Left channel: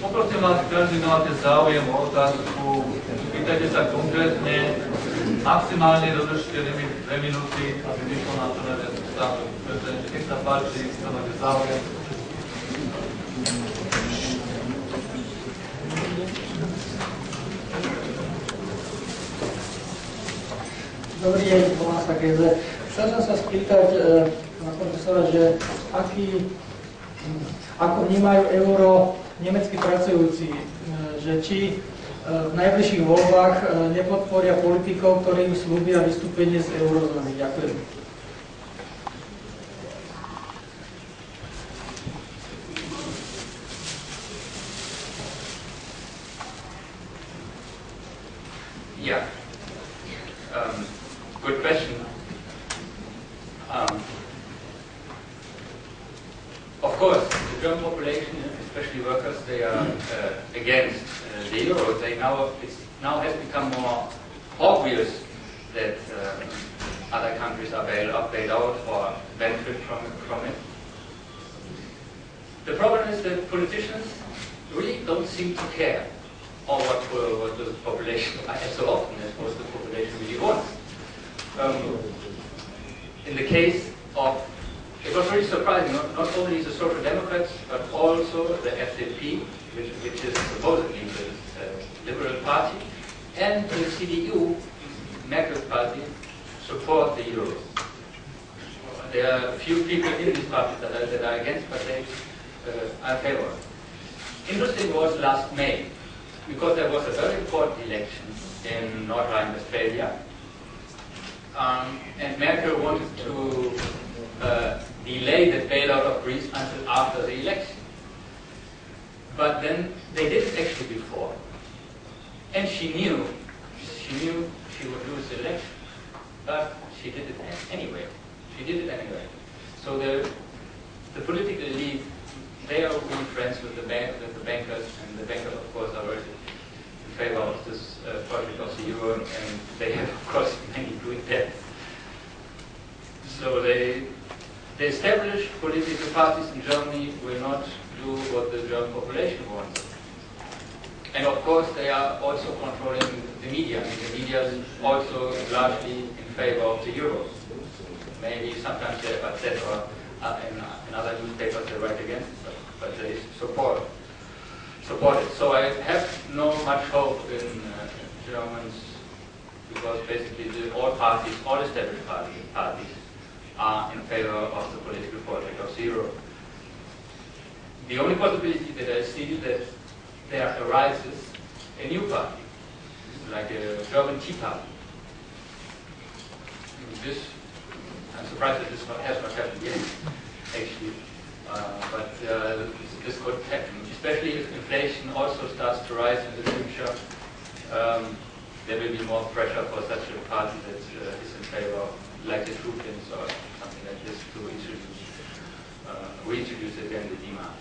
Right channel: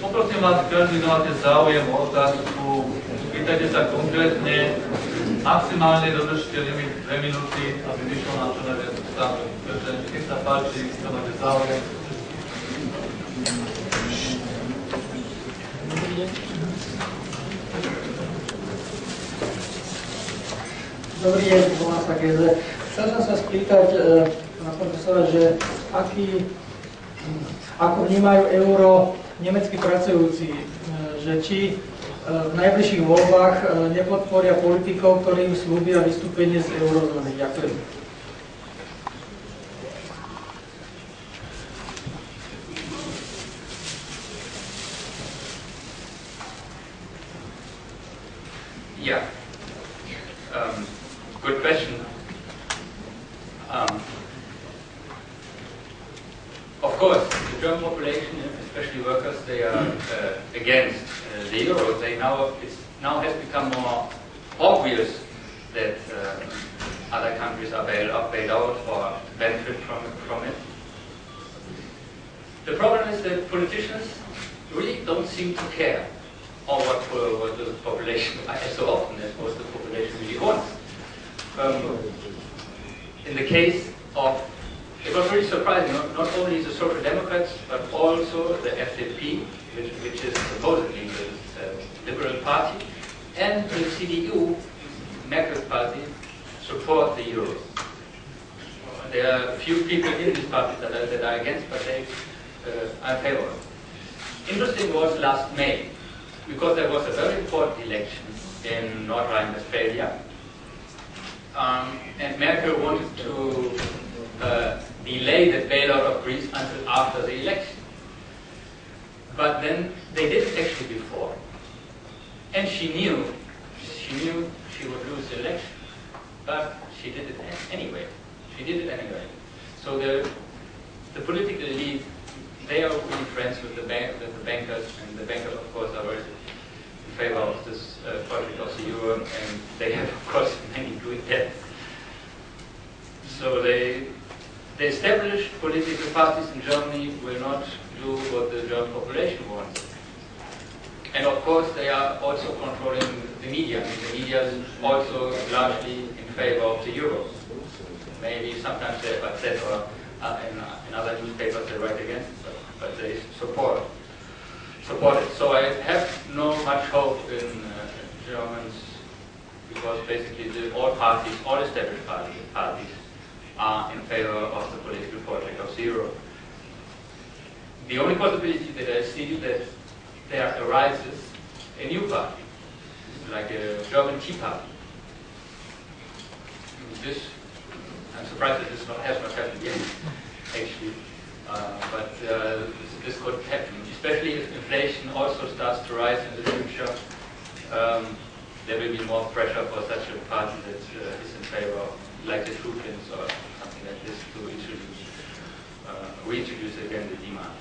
Poprosím vás, každý, kto máte záujem o otázku, pýtajte sa konkrétne, maximálne dodržte limit 2 minúty, aby vyšlo na čo najviac stále. Nech sa páči, kto máte záujem. Dobrý deň, volám sa Geze. Chcel som sa spýtať na profesora, že ako vnímajú euro nemeckí pracujúci, že či v najbližších voľbách nepodporia politikov, ktorí im slúbia vystúpenie z eurozóny. Ďakujem. Yeah. Good question. Of course, the German population, especially workers, they are against the euro. It now has become more obvious that other countries are bailed out or benefit from it. The problem is that politicians really don't seem to care what the population, so often as what the population really wants. In the case of, it was really surprising, not only the Social Democrats, but also the FDP, which is supposedly the Liberal Party, and the CDU, Merkel's party, support the euro. There are a few people in these parties that are against, but they are in favor. Interesting was last May, because there was a very important election in North Rhine-Westphalia, and Merkel wanted to delay the bailout of Greece until after the election. But then they did it actually before, and she knew she would lose the election, but she did it anyway. So the political elite, they are really friends with the bankers, and the bankers, of course, are very in favor of this project of the euro, and they have, of course, many doing that. So the established political parties in Germany will not do what the German population wants. And of course, they are also controlling the media. The media is also largely in favor of the euro. Maybe sometimes they upset, or in other newspapers they write against it, but they support it. So I have no much hope in Germans, because basically all established parties are in favor of the political project of the euro. The only possibility that I see is that there arises a new party, like a German Tea Party. I'm surprised that this has not happened yet, actually. But this could happen, especially if inflation also starts to rise in the future. There will be more pressure for such a party that is in favor, like the Trugins or something like this, to reintroduce again the demand.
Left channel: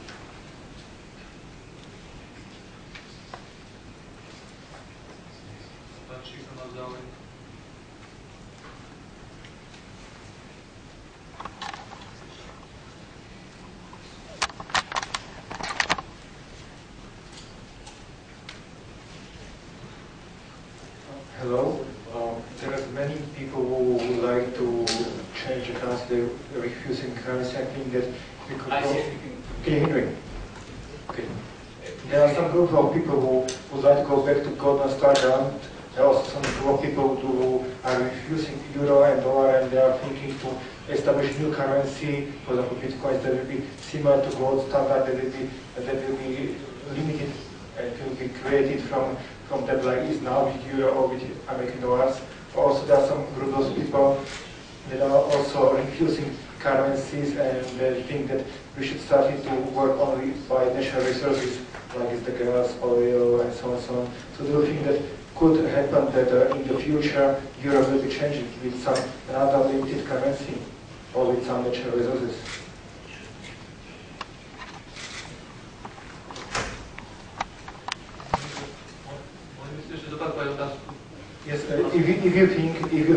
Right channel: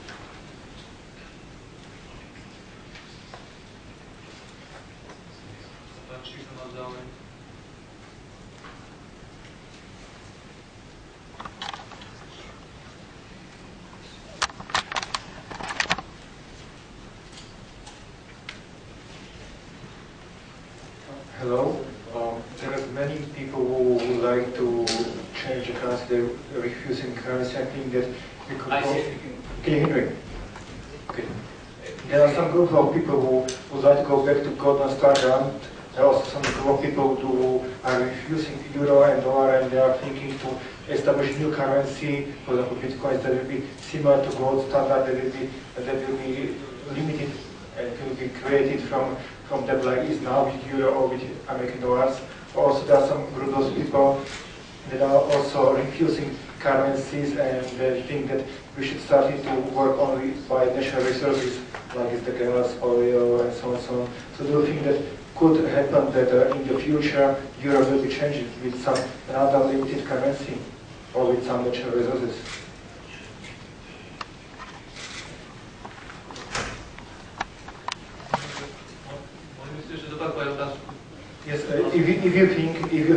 Hello. There are many people who would like to change the currency. They're refusing currency. I think that we could go. Can you hear me? Okay. There are some group of people who would like to go back to gold and standard. There are also some group of people who are refusing euro and dollar, and they are thinking to establish new currency. For example, Bitcoins that will be similar to gold standard. That will be limited and will be created from that, like is now with euro or with American dollars. Also, there are some group of people that are also refusing currencies, and they think that we should start to work only by natural resources, like is the gas, oil, and so on and so on. So do you think that could happen that in the future euro will be changed with some another limited currency or with some natural resources? Yes, if you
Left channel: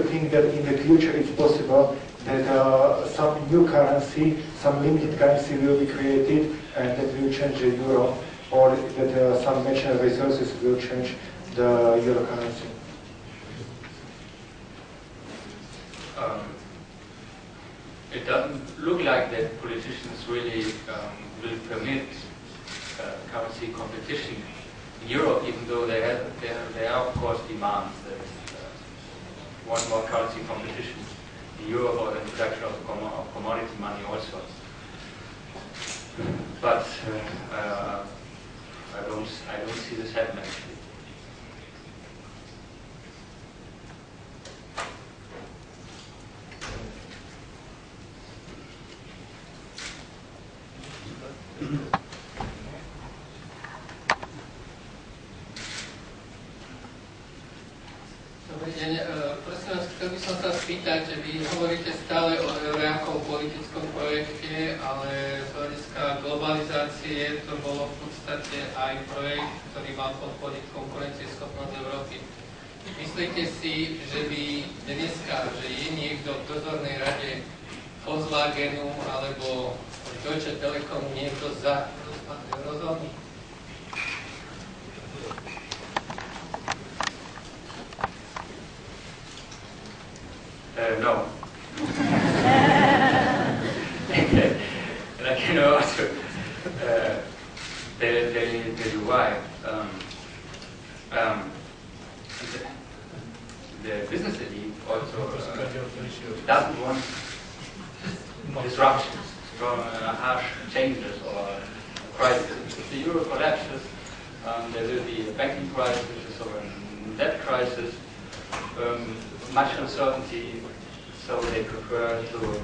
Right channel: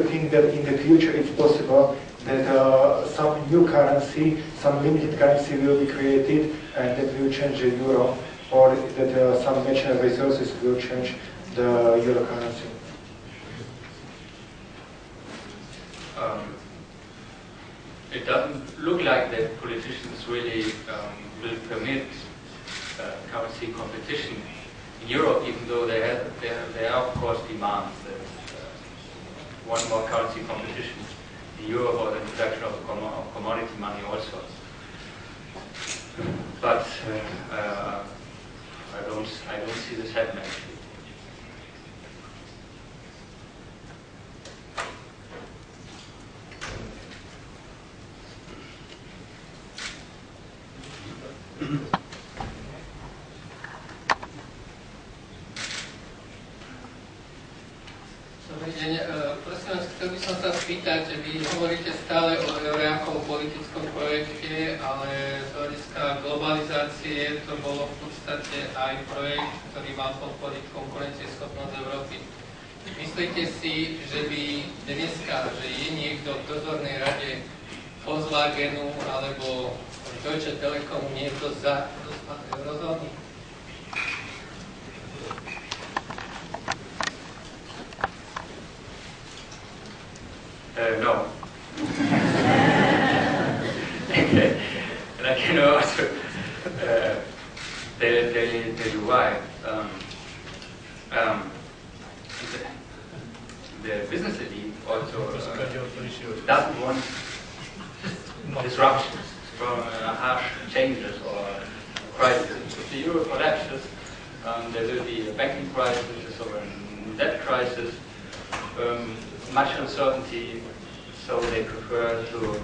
think that in the future it's possible that some new currency, some limited currency will be created and that will change the euro, or that some natural resources will change the euro currency? It doesn't look like that politicians really will permit currency competition in Europe, even though there are of course demands that want more currency competition in Europe, or the introduction of commodity money also. But I don't see this happen actually. Dobrý deň. Prosím vás, chcel by som sa spýtať, že vy hovoríte stále o eure ako politickom projekte, ale z hľadiska globalizácie to bolo v podstate aj projekt, ktorý mal podporiť konkurencieschopnosť Európy. Myslíte si, že by dneska, že je niekto v dozornej rade Volkswagenu alebo Deutsche Telekom niekto za rozpad eurozóny? No. And I can also tell you why. The business elite also doesn't want disruptions from harsh changes or crises. If the euro collapses, there will be a banking crisis or a debt crisis. Much uncertainty, so they prefer to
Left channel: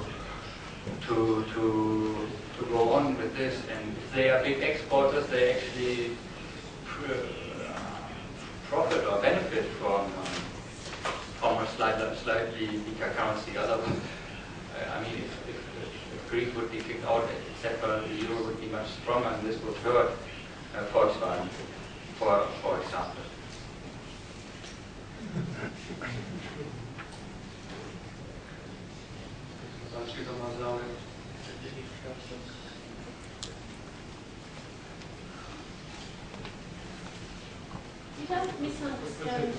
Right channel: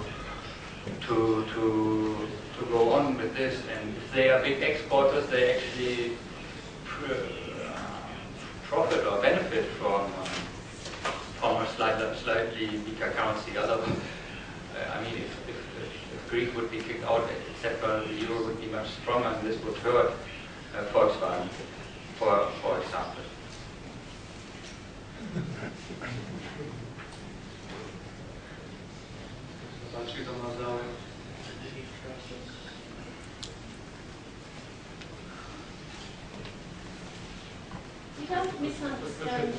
go on with this. And if they are big exporters, they actually profit or benefit from a slightly weaker currency. Otherwise, I mean, if Greece would be kicked out, etc., the euro would be much stronger, and this would hurt Volkswagen, for example. You don't misunderstand.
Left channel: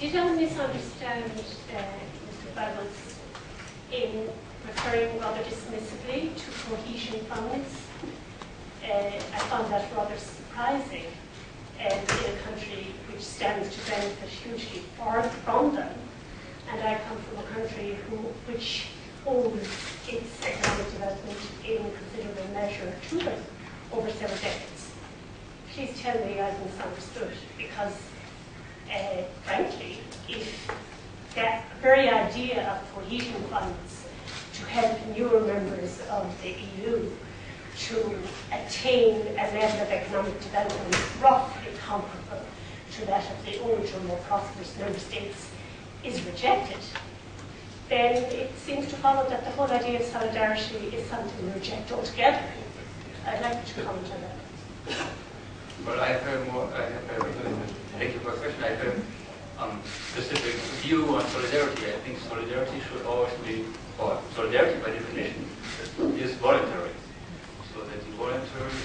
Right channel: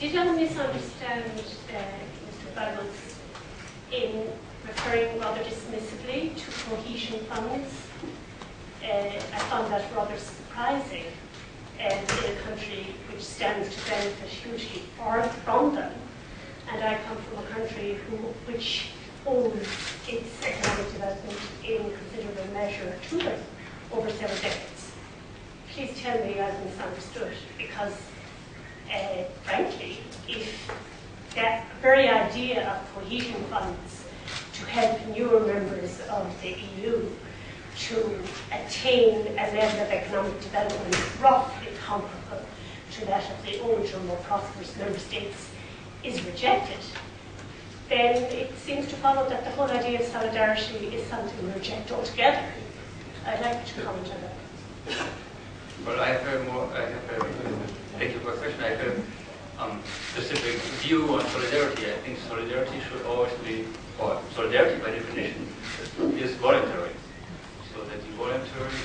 You don't misunderstand Mr. Bagus in referring rather dismissively to cohesion funds. I found that rather surprising in a country which stands to benefit hugely from them. And I come from a country which owes its economic development in considerable measure to them over several decades. Please tell me I've misunderstood, because frankly, if that very idea of cohesion funds to help newer members of the EU to attain a level of economic development roughly comparable to that of the older, more prosperous member states is rejected, then it seems to follow that the whole idea of solidarity is something we reject altogether. I'd like you to comment on that. Well, thank you for the question. I have a specific view on solidarity. I think solidarity should always be, or solidarity by definition is voluntary. So that you voluntarily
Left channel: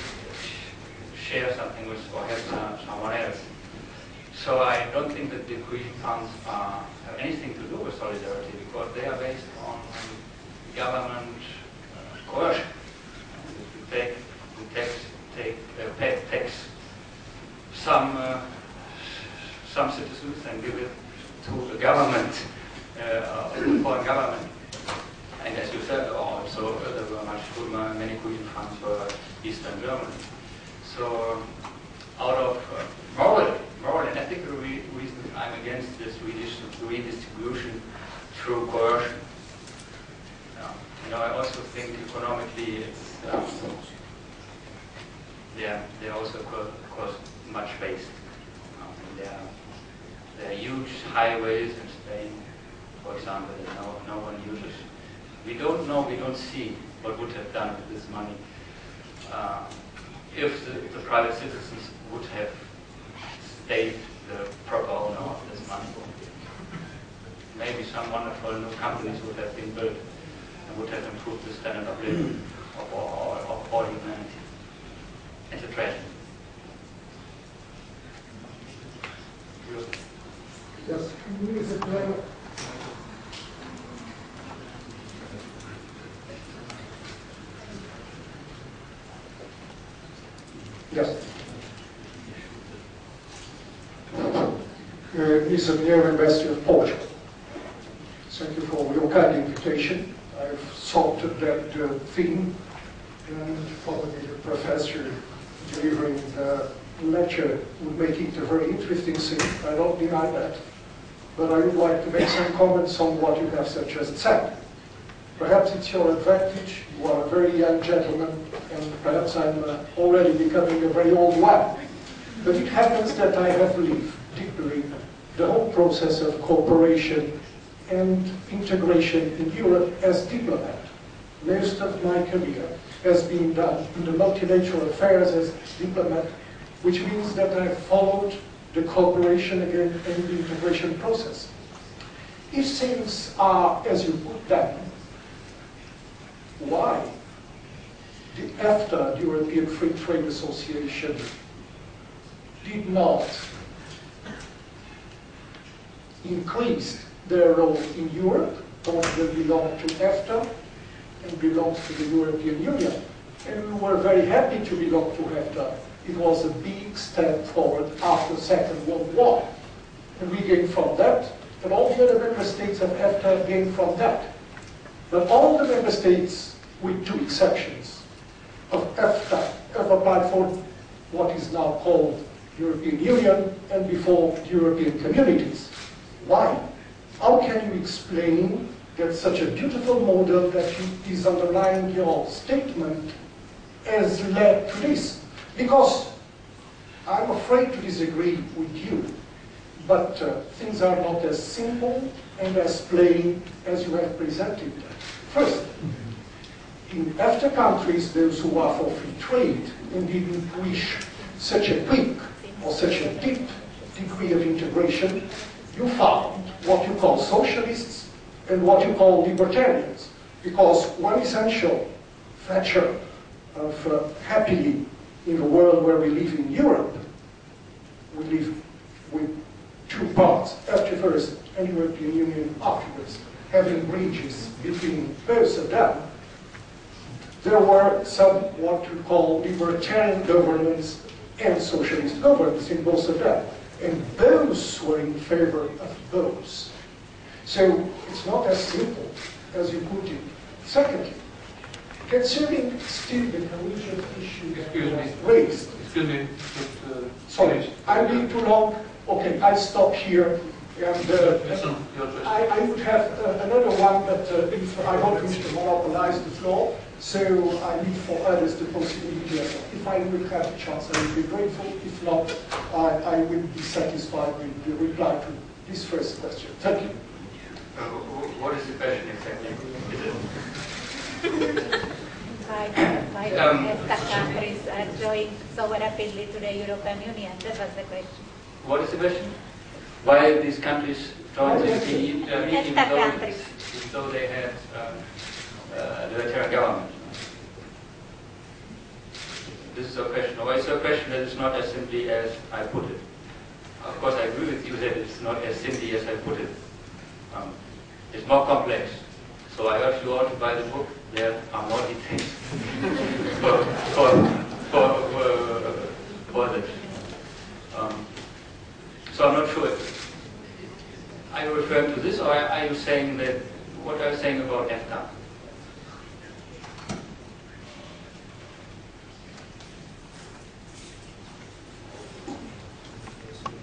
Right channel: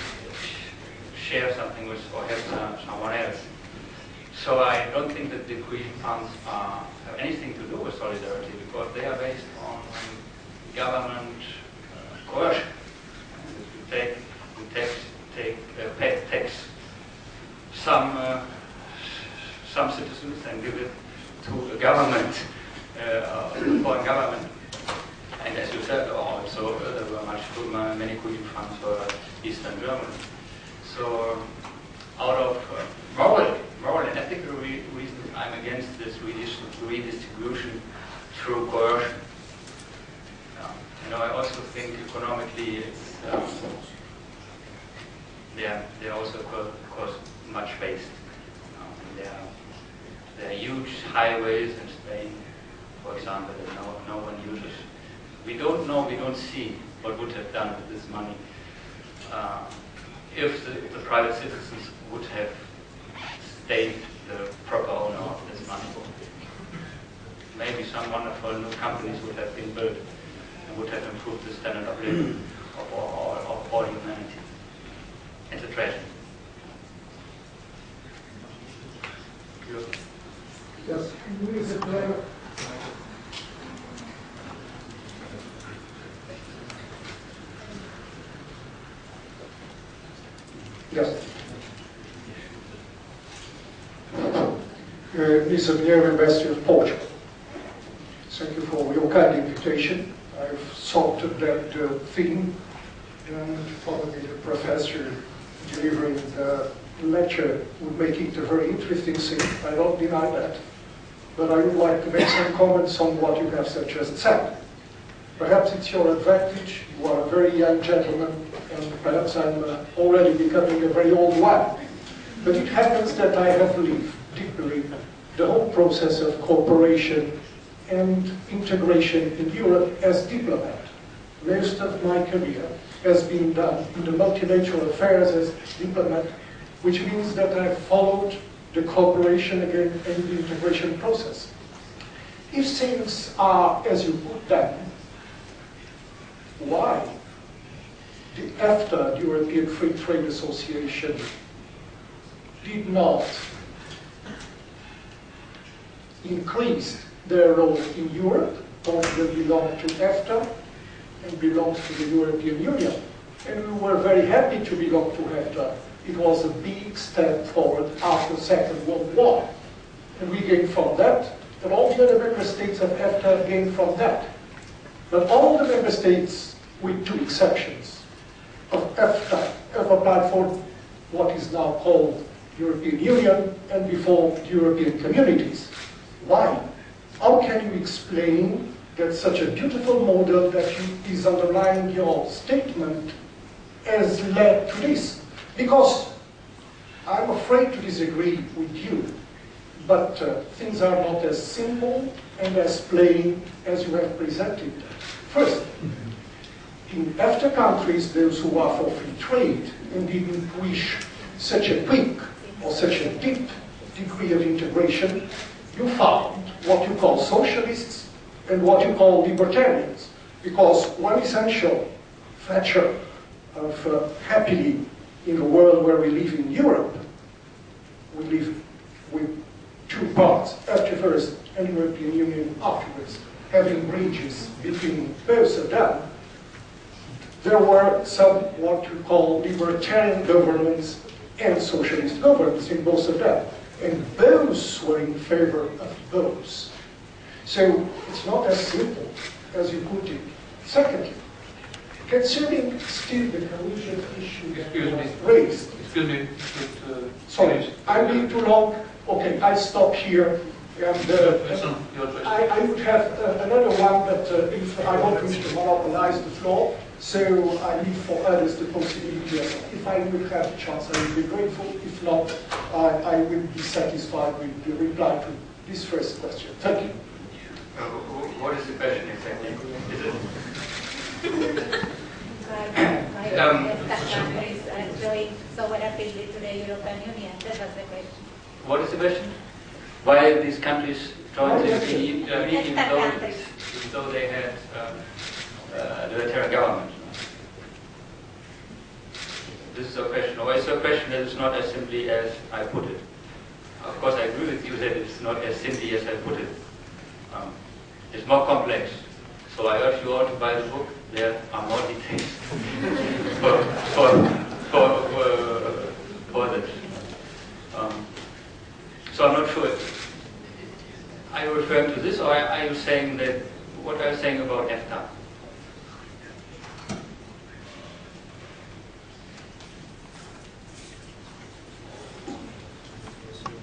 share something with or help someone else. So I don't think that the cohesion funds have anything to do with solidarity, because they are based on government coercion. We tax some citizens and give it to a government, foreign government. And as you said, also there were many cohesion funds for Eastern Germany. So out of moral and ethical reasons, I'm against this redistribution through coercion. I also think economically it's they're also cost much based. There are huge highways in Spain, for example, that no one uses. We don't know, we don't see what would have done with this money if the private citizens would have stayed the proper owner of this money. maybe some wonderful new companies would have been built and would have improved the standard of living of all humanity. It's a tragedy. Yes, is it Yes. Mr. Mayor, Ambassador of Portugal. Thank you for your kind invitation. I've thought that theme, and probably the professor delivering the lecture would make it a very interesting thing. I don't deny that. But I would like to make some comments on what you have just said. Perhaps it's your advantage. You are a very young gentleman, and perhaps I'm already becoming a very old one. But it happens that I have lived deeply the whole process of cooperation and integration in Europe as diplomat. Most of my career has been done in the multilateral affairs as diplomat, which means that I've followed the cooperation again and the integration process. If things are as you put them, why the EFTA, the European Free Trade Association, did not increase their role in Europe? Portugal belonged to EFTA and belongs to the European Union. And we were very happy to belong to EFTA. It was a big step forward after the Second World War. And we gained from that, and all the other member states of EFTA gained from that. But all the member states, with two exceptions, of EFTA have applied for what is now called European Union and before the European communities. Why? How can you explain that such a beautiful model that is underlying your statement has led to this? Because I'm afraid to disagree with you, but things are not as simple and as plain as you have presented them. First, in EFTA countries, those who are for free trade and didn't wish such a quick or such a deep degree of integration, you found what you call socialists and what you call libertarians. Because one essential feature of happily in the world where we live in Europe, we live with two parts, EFTA first and European Union afterwards, having bridges between both of them. There were some what you call libertarian governments and socialist governments in both of them. And those were in favor of those. So it's not as simple as you put it. Secondly, concerning still the cohesion issue that was raised. Excuse me. Sorry, I'm being too long. Okay, I stop here. And I would have another one, but if I don't wish to monopolize the floor, so I leave for others the possibility. If I will have a chance, I will be grateful. If not, I will be satisfied with the reply to this first question. Thank you. What is the question exactly? Is it? Why EFTA countries are joining so rapidly to the European Union? That was the question. What is the question? Why these countries joined the meeting though they had the government? This is a question, or it's a question that is not as simply as I put it. Of course, I agree with you that it's not as simply as I put it. It's more complex. So I urge you all to buy the book. There are more details for that. So I'm not sure. Are you referring to this, or are you saying that what are you saying about EFTA?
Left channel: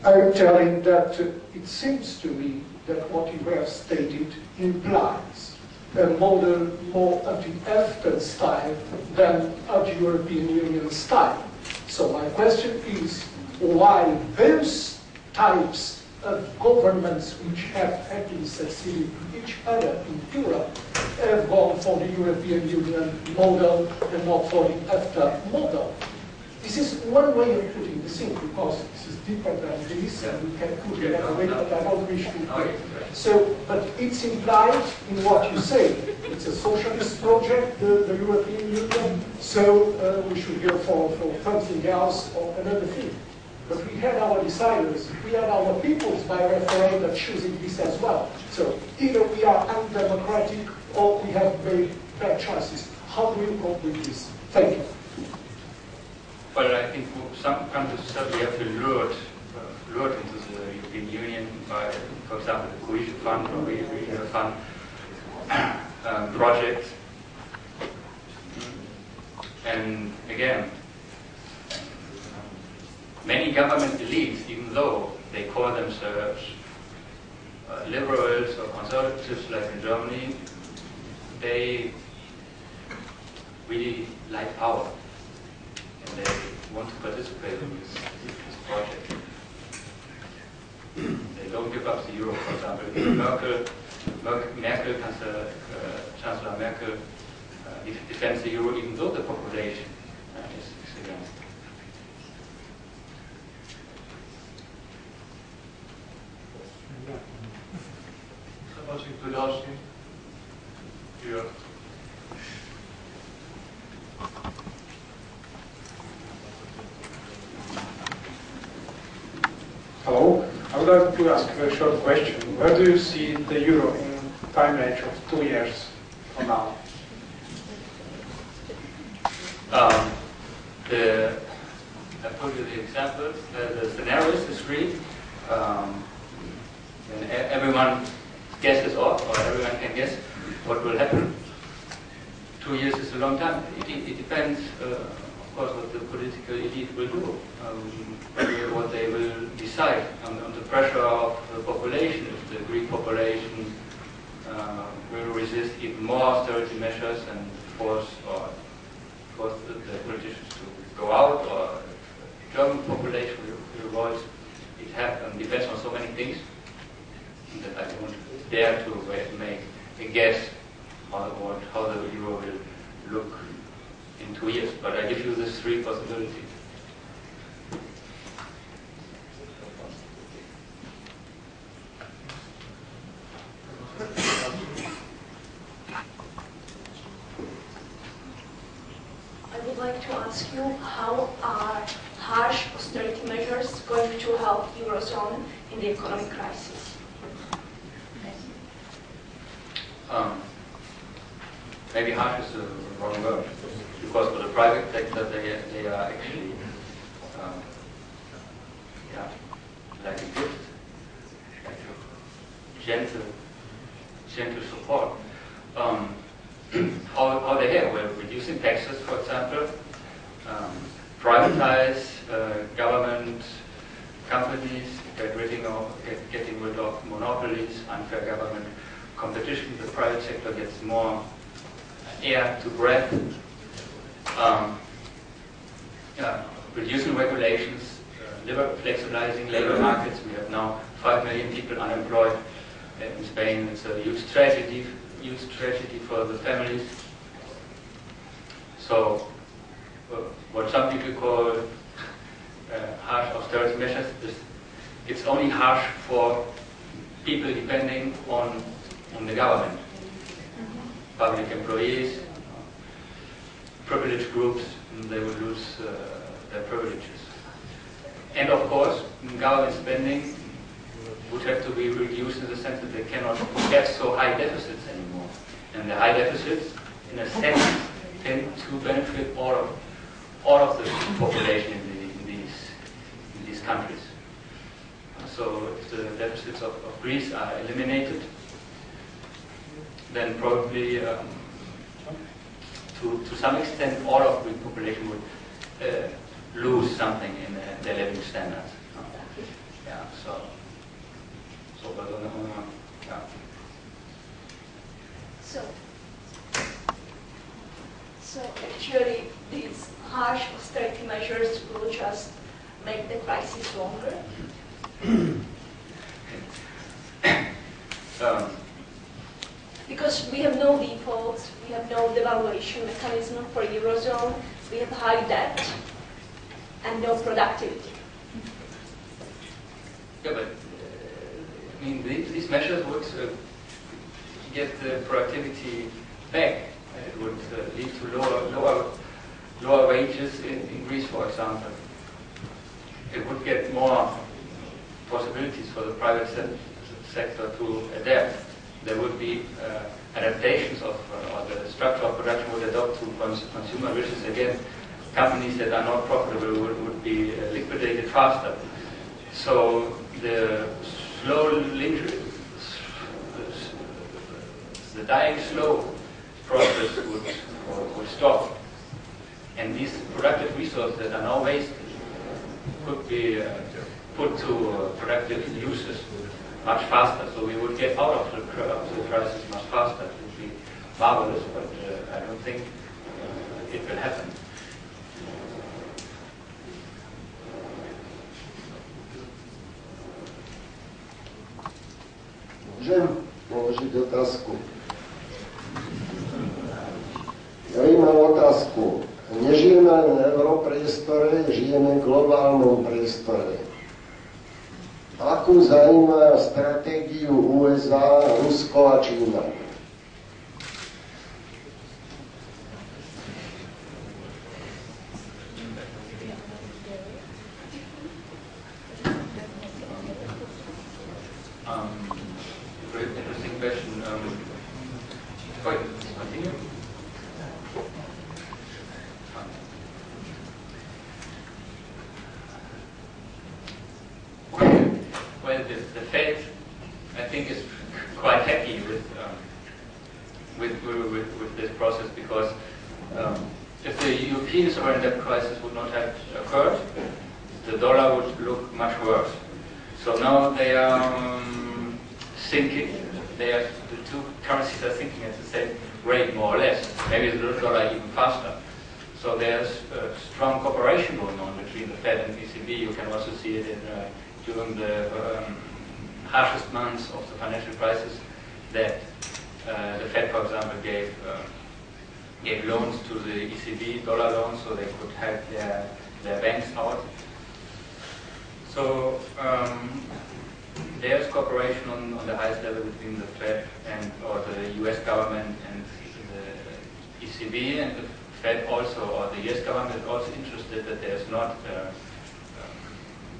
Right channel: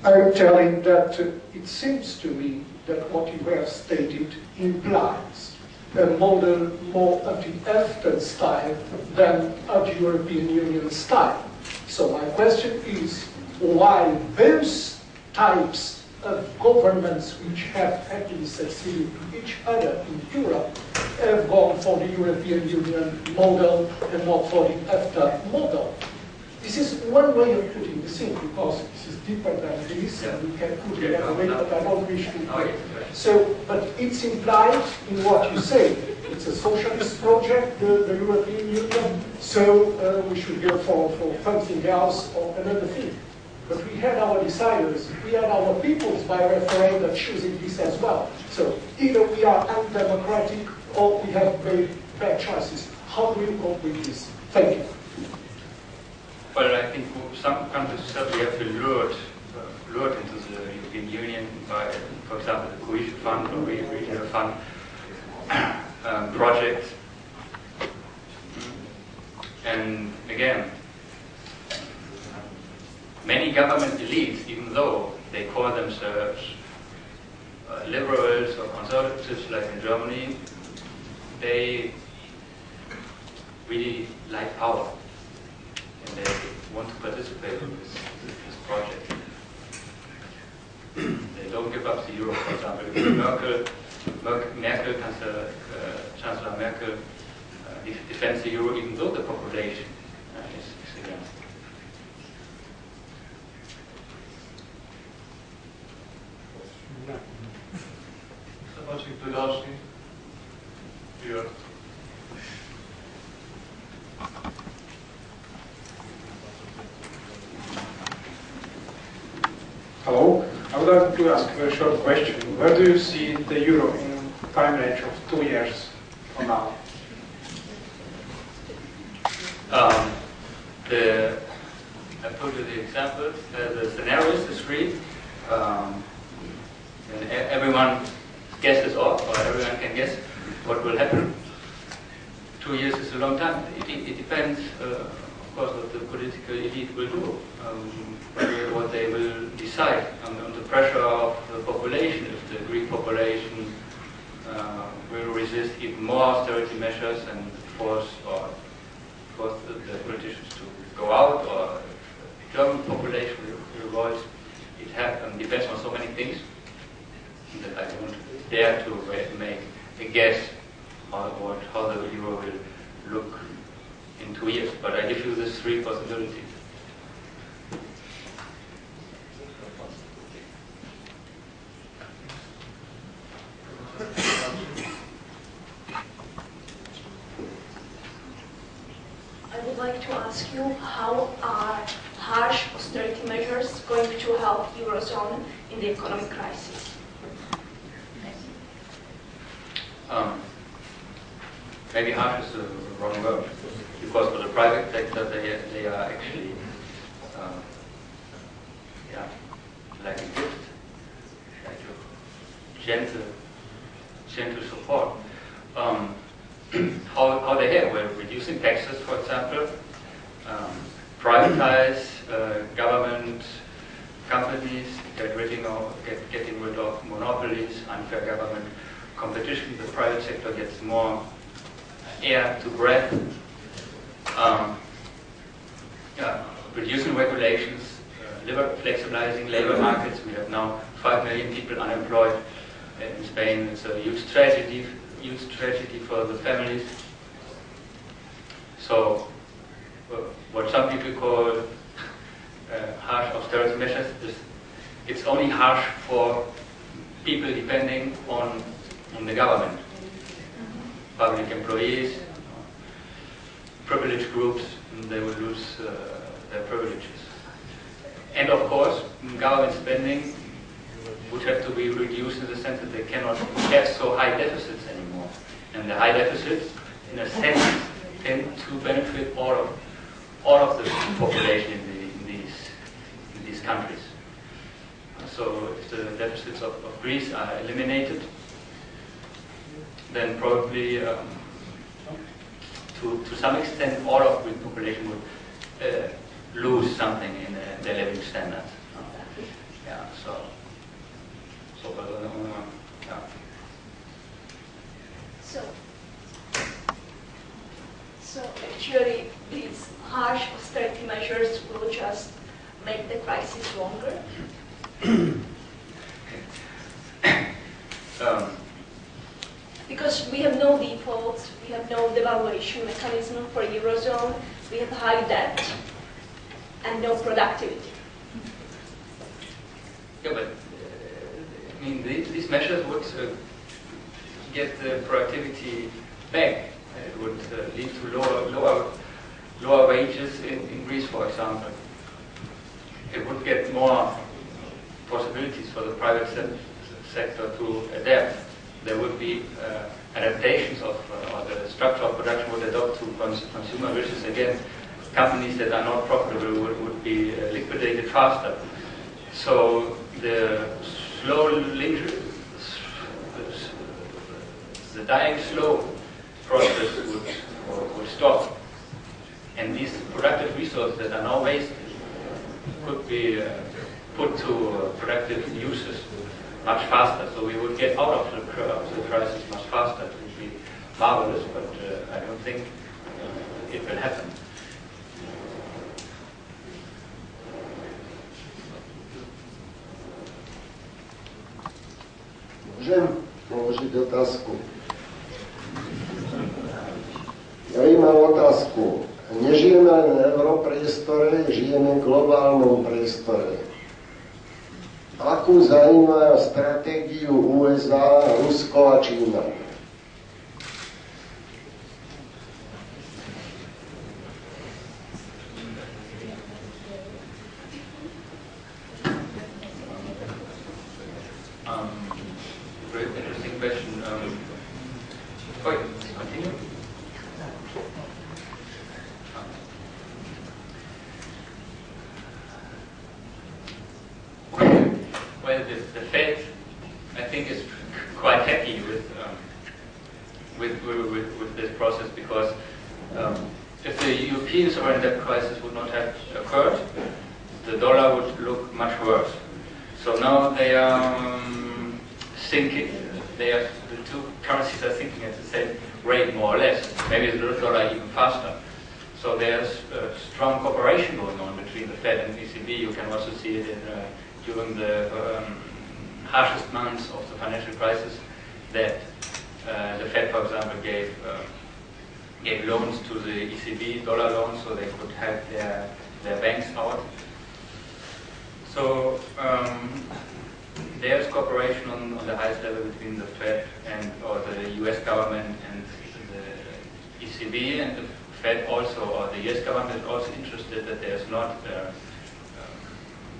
I'm telling that it seems to me that what you have stated implies a model more of the EFTA style than of the European Union style. So my question is why those types of governments which have happily succeeded to each other in Europe have gone for the European Union model and not for the EFTA model. This is one way of putting this in, because this is deeper than this, and we can put it another way, but I don't wish to. So, but it's implied in what you say. It's a socialist project, the European Union, so we should go for something else or another thing. But we had our deciders, we had our peoples by referendum choosing this as well. So either we are undemocratic or we have made bad choices. How do you cope with this? Thank you. Well, I think some countries certainly have been lured into the European Union by, for example, the cohesion fund or regional fund projects. And again, many government elites, even though they call themselves liberals or conservatives, like in Germany, they really like power. And they want to participate in this project. They don't give up the euro, for example. Chancellor Merkel defends the euro even though the population is against it. Zobaczmy, kto dalszy. Here. Hello. I would like to ask a very short question. Where do you see the euro in time range of 2 years from now? I told you the examples, the scenarios, the three. And everyone guesses off, or everyone can guess what will happen. 2 years is a long time. It depends, of course, what the political elite will do, what they will decide on the pressure of the population. If the Greek population will resist even more austerity measures and force the politicians to go out, or the German population will revolt. It depends on so many things that I don't dare to make a guess how the euro will look in 2 years. But I give you these three possibilities. I would like to ask you, how are harsh austerity measures going to help Eurozone in the economic crisis? Maybe harsh is the wrong word, because for the private sector they are actually like a gift, like a gentle support. How they have? Well, reducing taxes, for example, privatize government companies, getting rid of monopolies, unfair government competition. The private sector gets more air to breathe. Reducing regulations, flexibilizing labor markets. We have now 5 million people unemployed in Spain. It's a huge tragedy for the families. So, what some people call harsh austerity measures it's only harsh for people depending on the government. Public employees, privileged groups, they will lose their privileges. And of course, government spending would have to be reduced in the sense that they cannot have so high deficits anymore. And the high deficits, in a sense, tend to benefit all of the population in these countries. So if the deficits of Greece are eliminated, then probably to some extent all of the population would lose something in their living standards. Yeah, so yeah. So actually these harsh austerity measures will just make the crisis longer? Because we have no defaults, we have no devaluation mechanism for Eurozone, we have high debt. and no productivity. Yeah, but I mean, these measures would get the productivity back. It would lead to lower wages in Greece, for example. It would get more possibilities for the private sector to adapt. There would be adaptations of, or the structure of production would adopt to consumer wishes. Again, companies that are not profitable would be liquidated faster. So the dying slow process would stop. And these productive resources that are now wasted could be put to productive uses much faster. So we would get out of the crisis much faster. It would be marvelous, but I don't think it will happen. Môžem položiť otázku? Ja mám otázku. Nežijeme len v europriestore, žijeme v globálnom priestore. Akú zaujíma stratégiu USA, Rusko a Čína? Very interesting question. Continue. Well, the Fed, I think, is quite happy with this process because if the European sovereign debt crisis would not have occurred, the dollar would look much worse. So now they are thinking, the two currencies are thinking at the same rate, more or less. Maybe the dollar even faster. So there's strong cooperation going on between the Fed and ECB. You can also see it during the harshest months of the financial crisis that the Fed, for example, gave loans to the ECB, dollar loans, so they could help their banks out. So there's cooperation on the highest level between the Fed or the US government and the ECB, and the Fed also, or the US government is also interested that there's not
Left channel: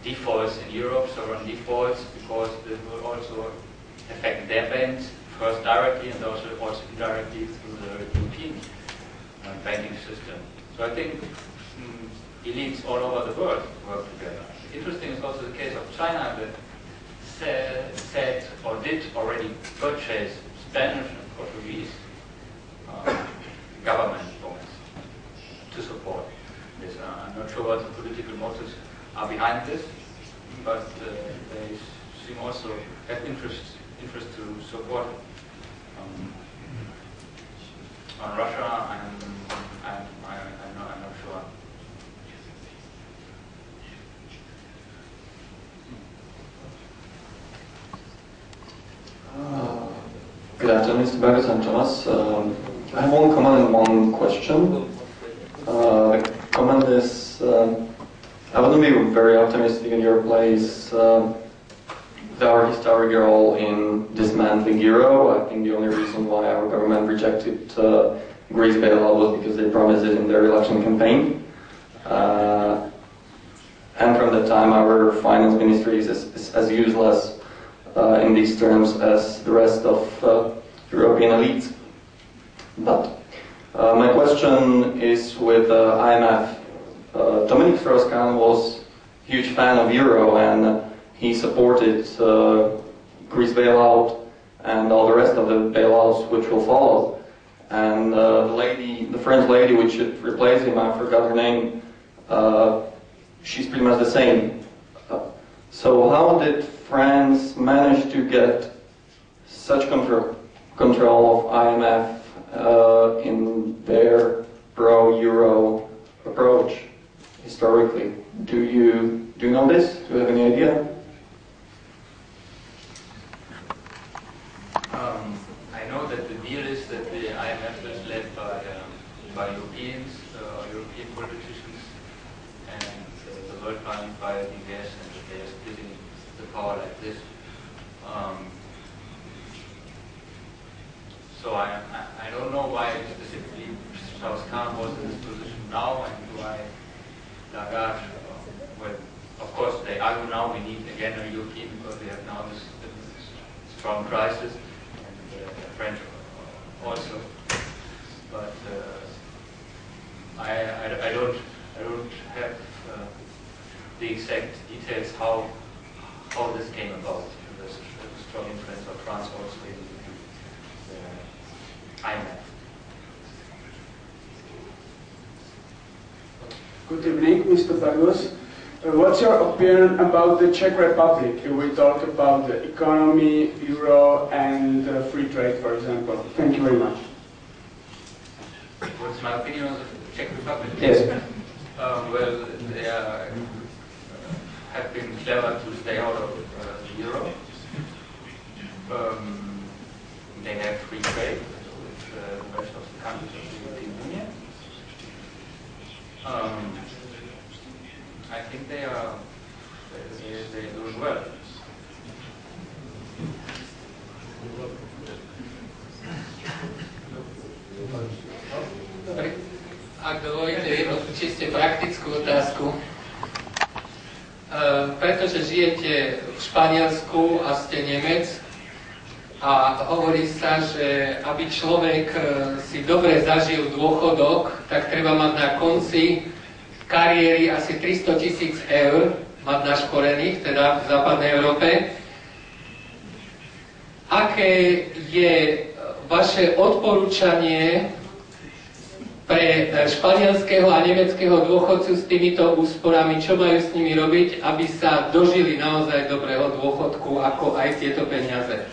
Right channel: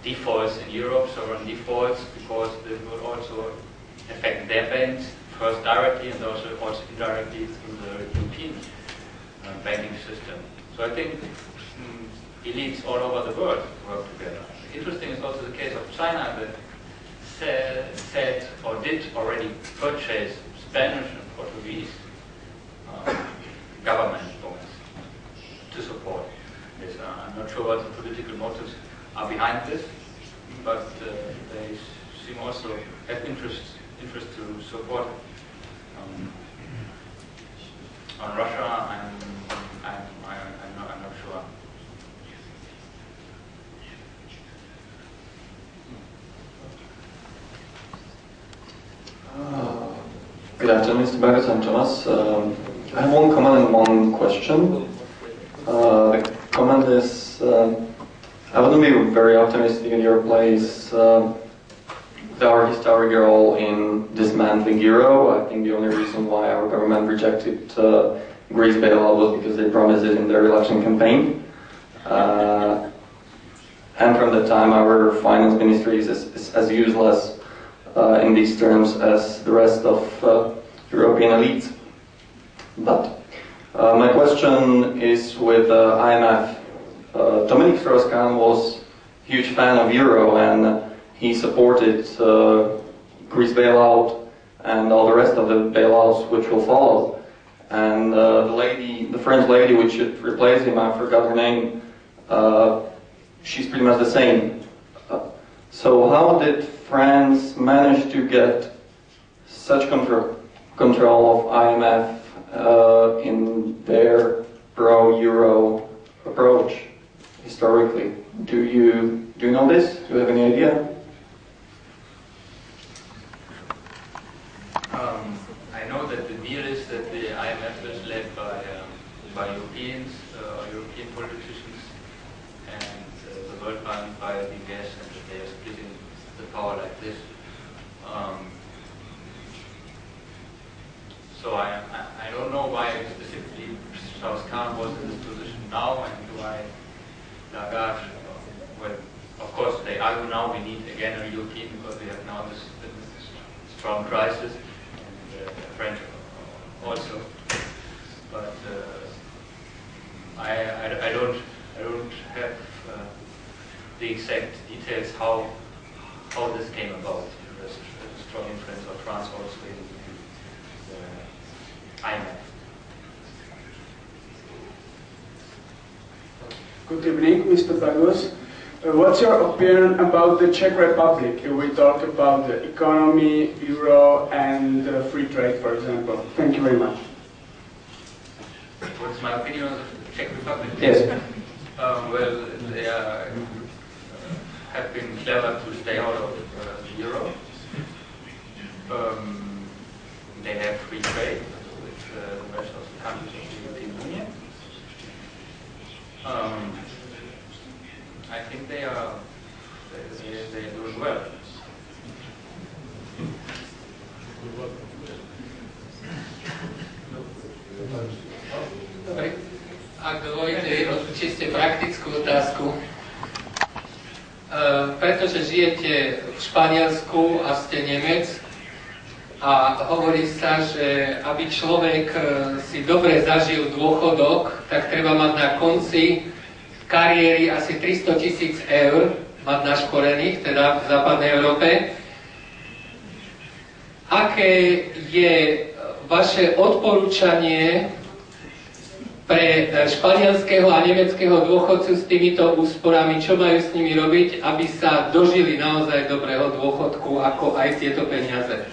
defaults in Europe, sovereign defaults, because this will also affect their banks, first directly and also indirectly through the European banking system. So I think elites all over the world work together. Interesting is also the case of China that said or did already purchase Spanish and Portuguese government bonds to support this. I'm not sure what the political motives are behind this, but they seem also have interest to support on Russia. I'm not sure. Good afternoon, Mr. Bagus and Thomas. I have one comment and one question. The comment is, I wouldn't be very optimistic in your place with our historical in dismantling euro. I think the only reason why our government rejected Greece bailout was because they promised it in their election campaign. And from that time, our finance ministry is as useless in these terms as the rest of European elites. But my question is with IMF. Dominic Strauss-Kahn was a huge fan of euro, and he supported Greece bailout and all the rest of the bailouts which will follow. And the French lady which should replace him, I forgot her name, she's pretty much the same. So how did France manage to get such control of IMF in their pro-euro approach historically? Do you know this? Do you have any idea? I know that the deal is that the IMF is led by Europeans or European politicians, and the world can't buy the gas and that they are splitting the power like this. So I don't know why specifically Strauss-Kahn was in this position now and why Lagarde, well, of course they argue now we need again a European because we have now this strong crisis and French also. But I don't have the exact details how this came about. The strong influence of France also in the IMF. Good evening, Mr. Bagus. What's your opinion about the Czech Republic? We talk about the economy, euro, and free trade, for example. Thank you very much. What's my opinion on the Czech Republic? Yes. Well, they have been clever to stay out of the euro. They have free trade with the rest of the countries of the European Union. I think they're doing well. Ak dovolíte jednu čiste praktickú otázku. Pretože žijete v Španielsku a ste Nemec a hovorí sa, že aby človek si dobre zažil dôchodok, tak treba mať na konci kariéry asi 300 000 eur, mať naškorených, teda v západnej Európe. Aké je vaše odporúčanie pre španielského a nemeckého dôchodcu s týmito úsporami, čo majú s nimi robiť, aby sa dožili naozaj dobrého dôchodku, ako aj tieto peniaze?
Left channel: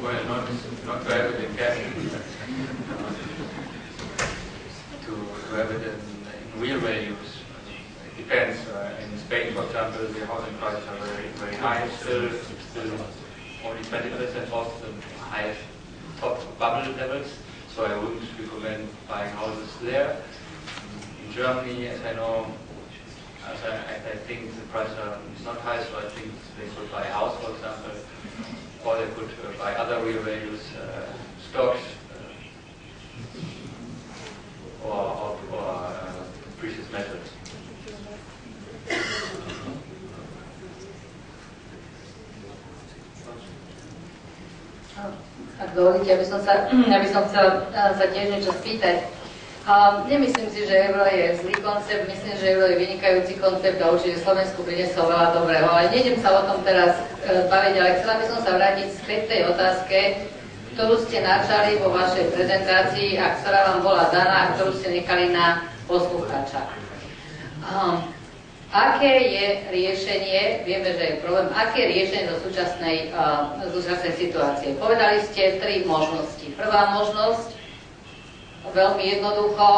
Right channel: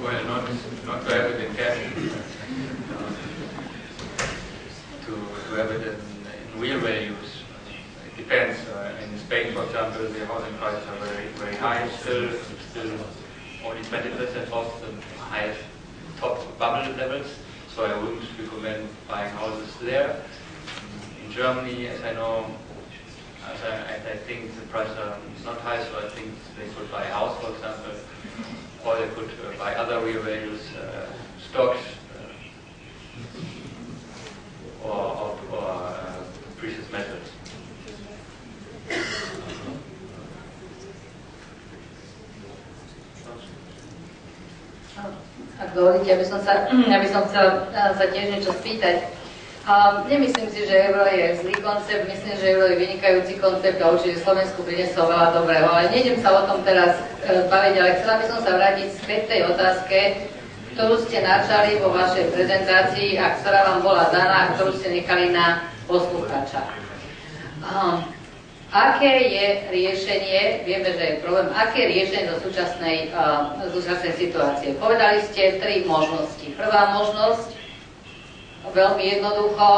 Well, not to have it in cash, to have it in real values. It depends. In Spain, for example, the housing prices are very high, still only 20% off the highest top bubble levels, so I wouldn't recommend buying houses there. In Germany, as I know, I think the prices are not high, so I think they could buy a house, for example, or they could buy other real values, stocks, or precious metals. Ak dovolíte, aby som chcela sa tiež niečo spýtať. Nemyslím si, že euro je zlý koncept, myslím, že euro je vynikajúci koncept a určite Slovensku priniesol veľa dobrého. Ale nejdem sa o tom teraz baviť, ale chcela by som sa vrátiť späť tej otázke, ktorú ste načali vo vašej prezentácii a ktorá vám bola daná a ktorú ste nechali na poslucháča. Aké je riešenie, vieme, že je problém, aké je riešenie zo súčasnej situácie? Povedali ste tri možnosti. Prvá možnosť, veľmi jednoducho,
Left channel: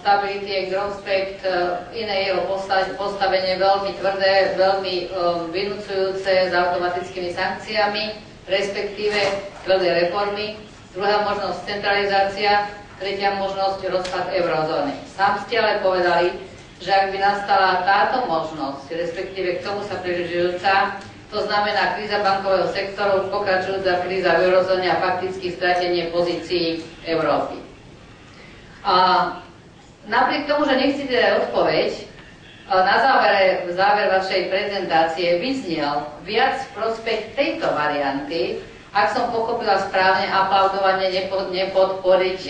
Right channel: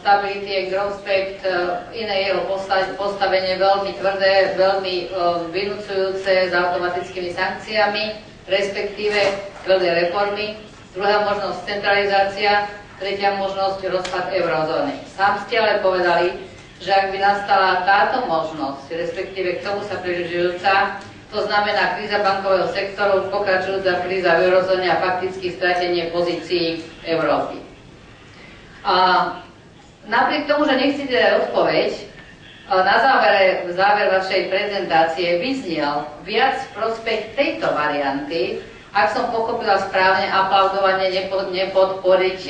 Stability and Growth Pact, iné jeho postavenie veľmi tvrdé, veľmi vynúcujúce s automatickými sankciami, respektíve tvrdé reformy. Druhá možnosť centralizácia, tretia možnosť rozpad eurozóny. Sám ste ale povedali, že ak by nastala táto možnosť, respektíve k tomu sa približujúca, to znamená kríza bankového sektoru, pokračujúca kríza v eurozóne a fakticky stratenie pozícií Európy. A napriek tomu, že nechcete dať odpoveď, na záver vašej prezentácie vyznel viac v prospech tejto varianty, ak som pochopila správne, aplaudovanie nepodporiť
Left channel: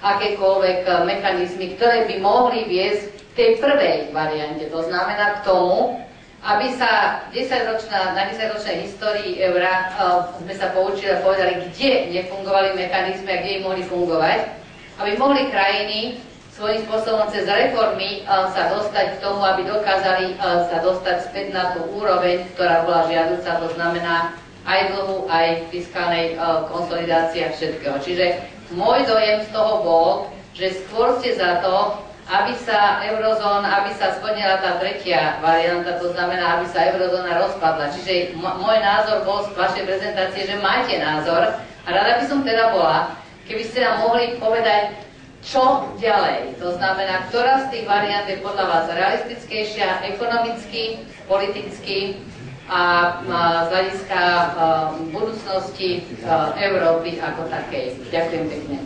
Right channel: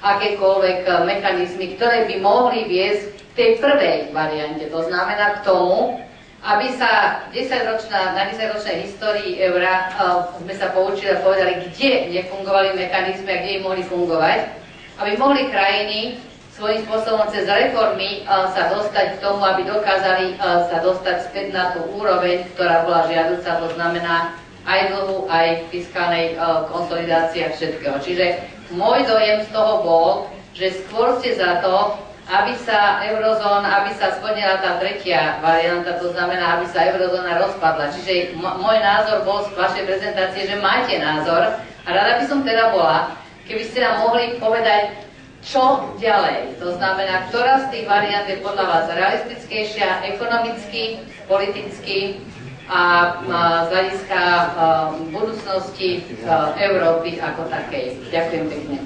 akékoľvek mechanizmy, ktoré by mohli viesť v tej prvej variante. To znamená k tomu, aby sa na 10-ročnej histórii eura sme sa poučili a povedali, kde nefungovali mechanizmy a kde im mohli fungovať, aby mohli krajiny svojím spôsobom cez reformy sa dostať k tomu, aby dokázali sa dostať späť na tú úroveň, ktorá bola žiaduca, to znamená aj dlhu, aj fiskálnej konsolidácie a všetkého. Čiže môj dojem z toho bol, že skôr ste za to, aby sa splnila tá tretia varianta, to znamená, aby sa eurozóna rozpadla. Čiže môj názor bol z vašej prezentácie, že máte názor a rada by som teda bola, keby ste nám mohli povedať, čo ďalej? To znamená, ktorá z tých variant je podľa vás realistickejšia ekonomicky, politicky a z hľadiska budúcnosti Európy ako takej? Ďakujem pekne.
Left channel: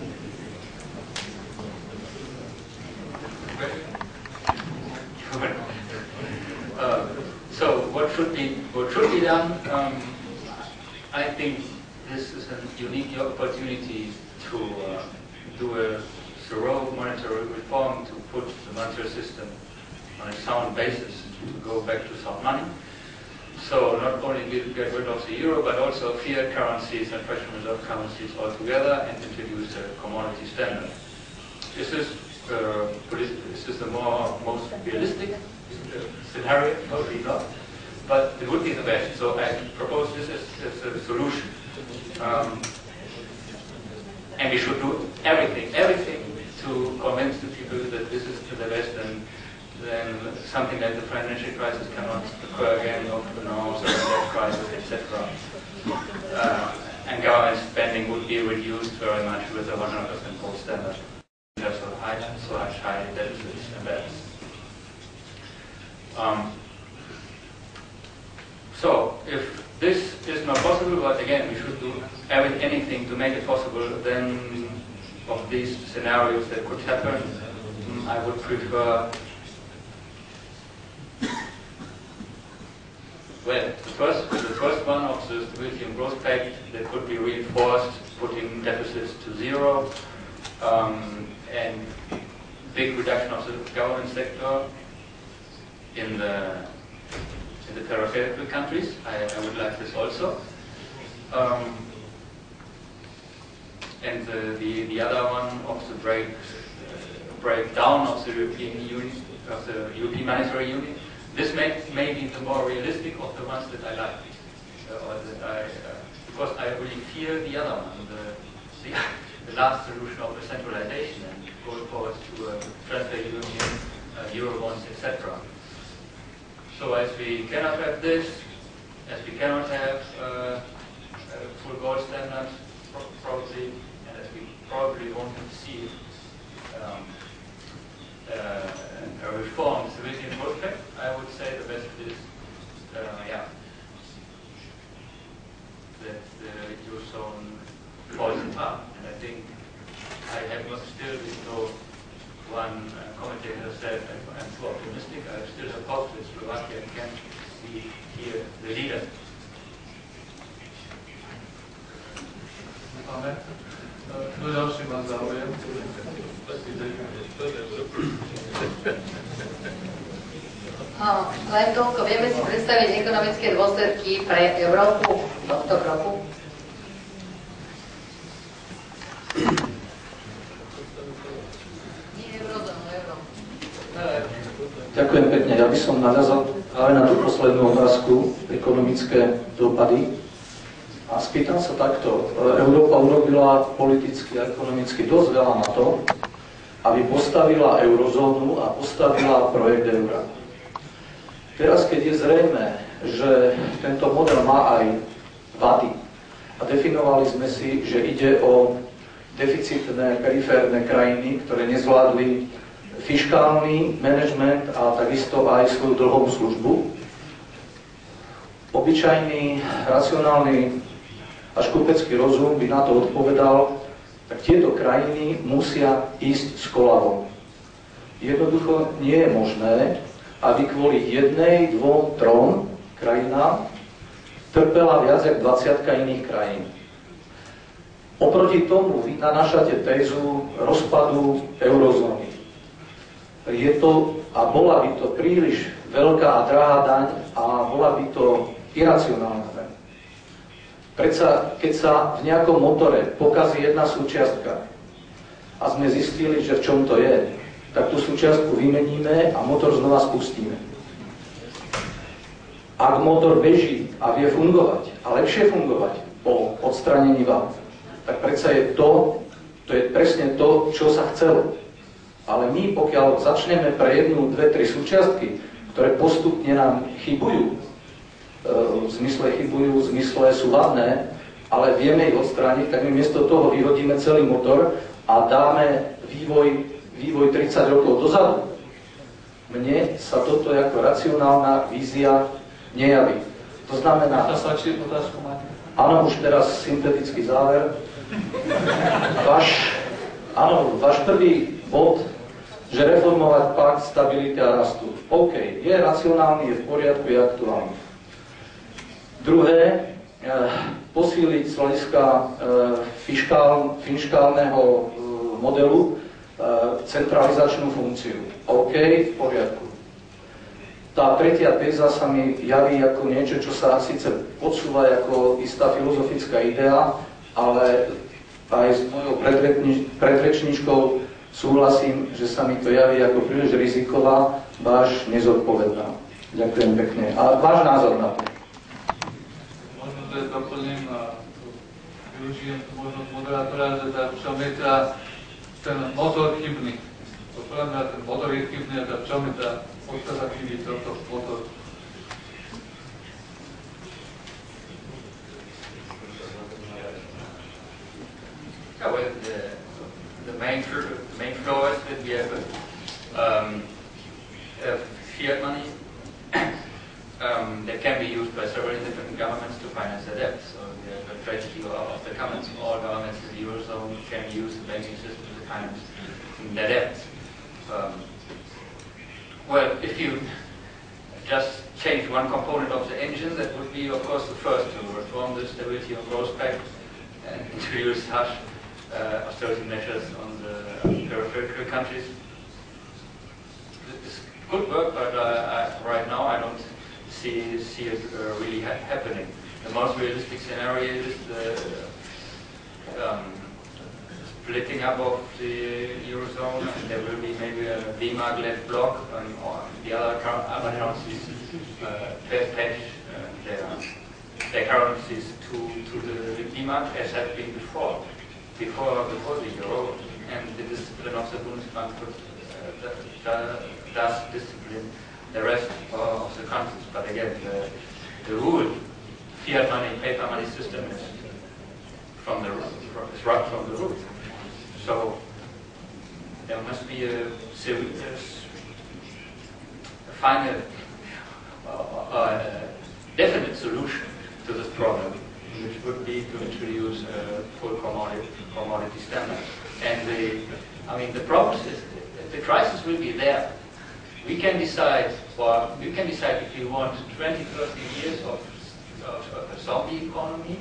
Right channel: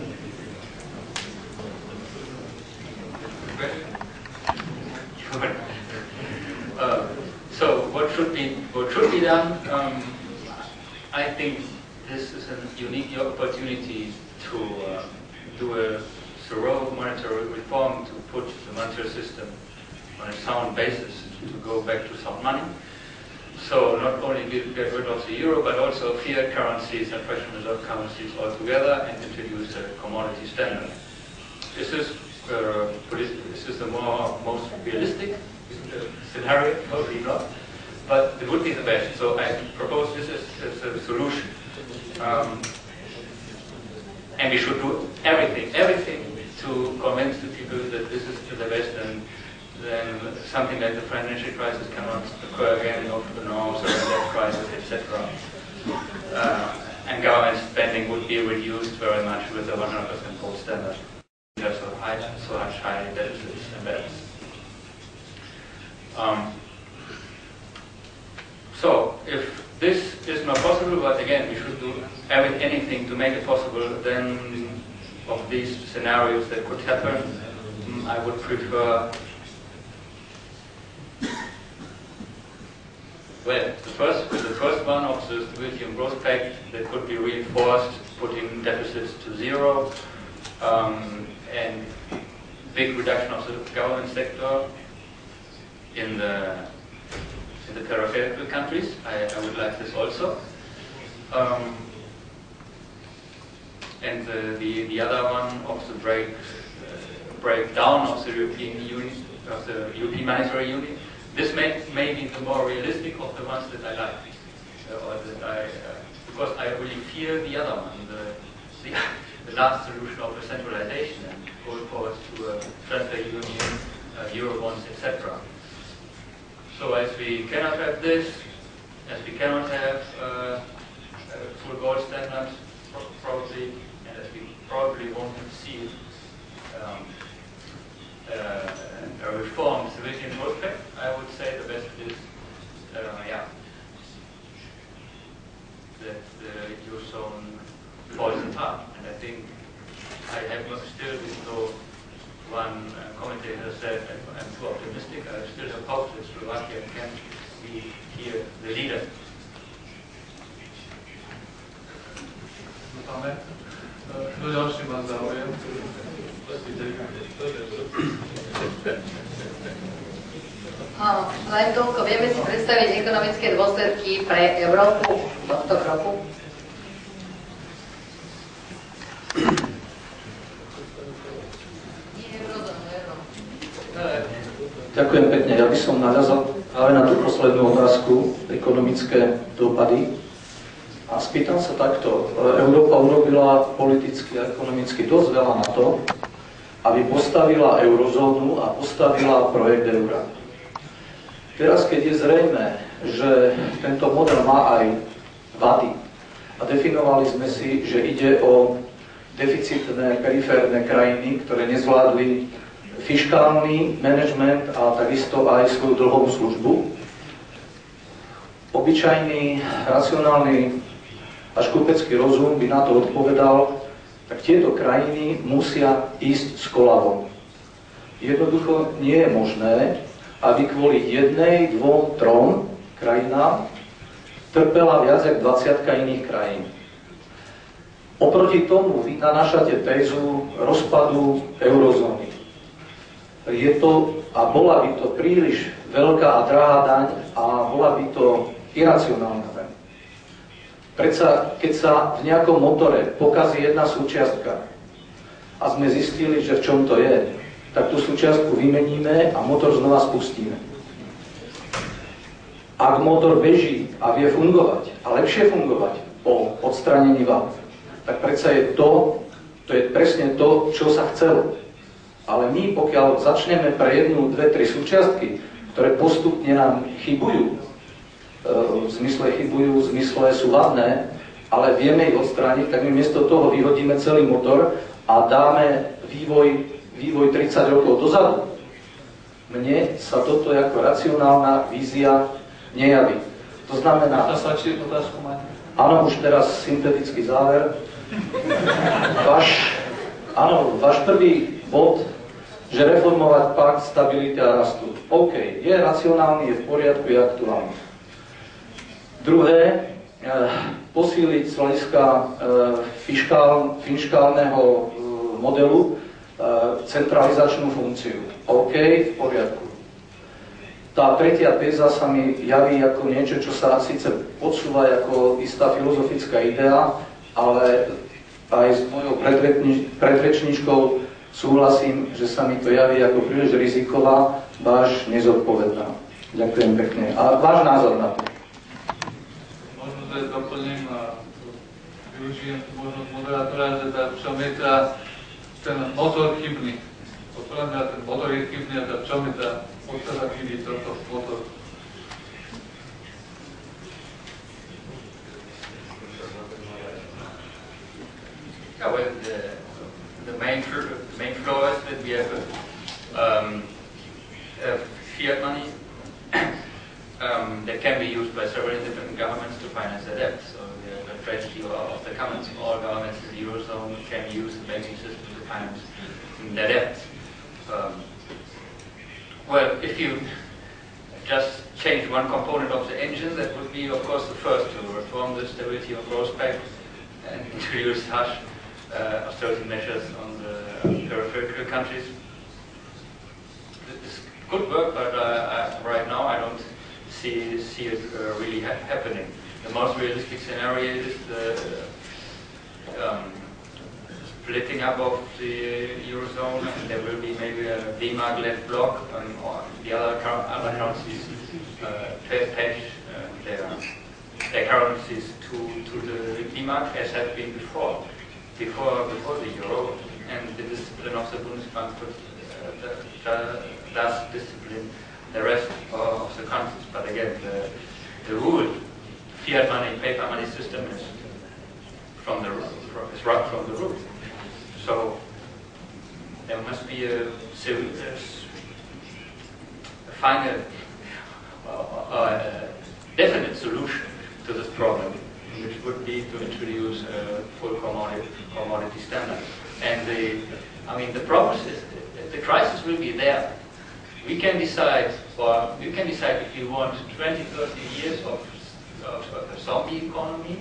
So what should be done? I think this is a unique opportunity to do a thorough monetary reform, to put the monetary system on a sound basis, to go back to sound money. So not only get rid of the euro, but also fiat currencies and fractional reserve currencies altogether, and introduce a commodity standard. This is the most realistic scenario, probably not, but it would be the best. So I propose this as a solution. And we should do everything to convince the people that this is the best, and then something like the financial crisis cannot occur again, of the norms, or the debt crisis, etc. And government spending would be reduced very much with a 100% gold standard. There's so much high deficits and debts. So if this is not possible, but again, we should do anything to make it possible, then of these scenarios that could happen, I would prefer, well, the first one of the Stability and Growth Pact that could be reinforced, putting deficits to zero, and big reduction of the government sector in the peripheral countries. I would like this also. And the other one of the breakdown of the European Union, of the European Monetary Union. This may be the more realistic of the ones that I like, because I really fear the other one, the last solution of the centralization and going forward to a transfer union, Eurobonds, etc. So as we cannot have this, as we cannot have a full gold standard, probably, and as we probably won't see a reformed Stability and Growth Pact, I would say the best is, that the Eurozone falls apart. And I think I have still, even though one commentator said I'm too optimistic, I still have hope that Slovakia can be here the leader. Máme. Kto ďalší má záujem? Len toľko, vieme si predstaviť ekonomické dôsledky pre Európu tohto kroku? Ďakujem pekne. Ja by som narazal práve na tú poslednú otázku, ekonomické dopady. A spýtam sa takto. Európa urobila politicky a ekonomicky dosť veľa na to, aby postavila eurozónu a postavila projekt eura. Teraz, keď je zrejmé, že tento model má aj vady a definovali sme si, že ide o deficitné periférne krajiny, ktoré nezvládli fiškálny manažment a takisto aj svoju dlhovú službu, obyčajný, racionálny až kupecký rozum by na to odpovedal, tak tieto krajiny musia ísť s kolabom. Jednoducho nie je možné, aby kvôli 1, 2, 3 krajinám trpela viac ako 20 iných krajín. Oproti tomu vy nanášate tézu rozpadu eurozóny. Je to, a bola by to príliš veľká a drahá daň a bola by to iracionálna daň. Predsa, keď sa v nejakom motore pokazí jedna súčiastka a sme zistili, že v čom to je, tak tú súčiastku vymeníme a motor znova spustíme. Ak motor beží a vie fungovať, a lepšie fungovať po odstránení vad, tak predsa je to je presne to, čo sa chcelo. Ale my, pokiaľ začneme pre 1, 2, 3 súčiastky, ktoré postupne nám chybujú, v zmysle sú vadné, ale vieme ich odstrániť, tak my miesto toho vyhodíme celý motor a dáme vývoj 30 rokov dozadu, mne sa toto ako racionálna vízia nejaví. To znamená... Áno, už teraz syntetický záver. Váš prvý bod, že reformovať pakt stability a rastu. OK, je racionálny, je v poriadku, je aktuálny. Druhé, posíliť z hľadiska fiškálneho modelu centralizačnú funkciu. OK, v poriadku. Tá tretia téza sa mi javí ako niečo, čo sa síce podsúva ako istá filozofická idea, ale aj s mojou predrečníčkou súhlasím, že sa mi to javí ako príliš riziková, až nezodpovedná. Ďakujem pekne. A váš názor na to? Možno, že doplním a využijem tú možnosť moderátora, že v čom je ten motor chybný. Podľa mňa ten motor je chybný a v čom je tá podstata chybí tohto motoru. Yeah, well, the main flaw is that we have fiat money that can be used by several different governments to finance their debt. So we have a tragedy of the commons. All governments in the Eurozone can use the banking system to finance their debt. Well, if you just change one component of the engine, that would be, of course, the first to reform the Stability and Growth Pact and introduce harsh austerity measures on the peripheral countries. It's good work, but right now I don't see it really happening. The most realistic scenario is the splitting up of the Eurozone, and there will be maybe a D-mark-led bloc, or the other currencies pledge their currencies to the D-mark, as had been before the euro, and the discipline of the Bundesbank does discipline the rest of the countries. But again, the rule, fiat money, paper money system is right from the root. So there must be a final, definite solution to this problem, which would be to introduce a full commodity standard. And the problem is the crisis will be there. We can decide if you want 20, 30 years of a zombie economy,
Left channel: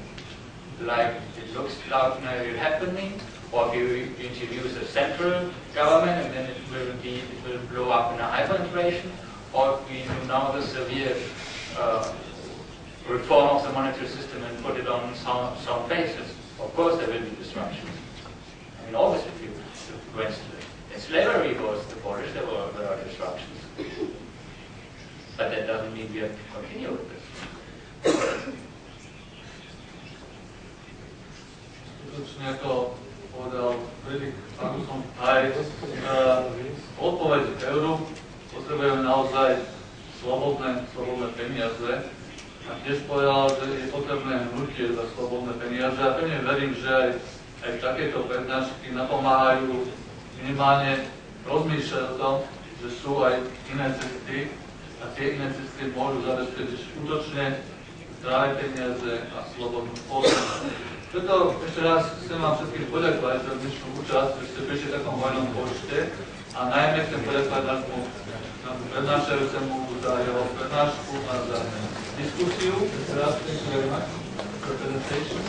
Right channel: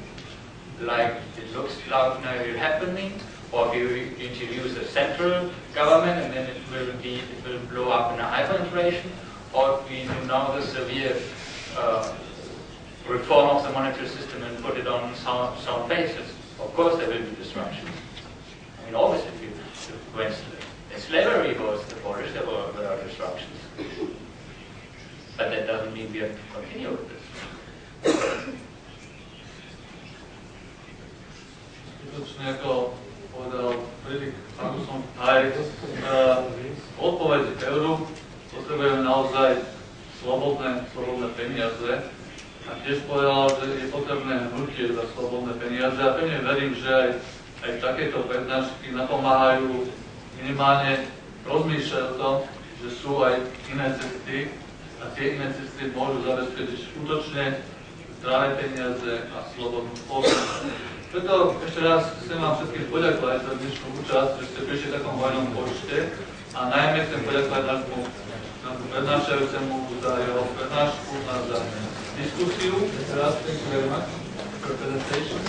like it looks like now happening, or if you introduce a central government and then it will blow up in a hyperinflation, or if we do now the severe reform of the monetary system and put it on some basis. Of course there will be disruptions. I mean, always when slavery was abolished, there were disruptions. But that doesn't mean we have to continue with this. Skutočne, ako povedal Philipp Bagus, aj odpoveď k euru potrebujeme naozaj slobodné peniaze. A tiež povedal, že je potrebné hnutie za slobodné peniaze. A pevne verím, že aj takéto prednášky napomáhajú minimálne rozmýšľať o tom, že sú aj iné cesty a tie iné cesty môžu zabezpečiť skutočne zdravé peniaze a slobodnú spoločnosť. Preto ešte raz chcem vám všetkým poďakovať za dnešnú účasť, že ste prišli v takom hojnom počte a najmä chcem poďakovať nášmu prednášajúcemu za jeho prednášku a za diskusiu. Thank you very much for the presentation.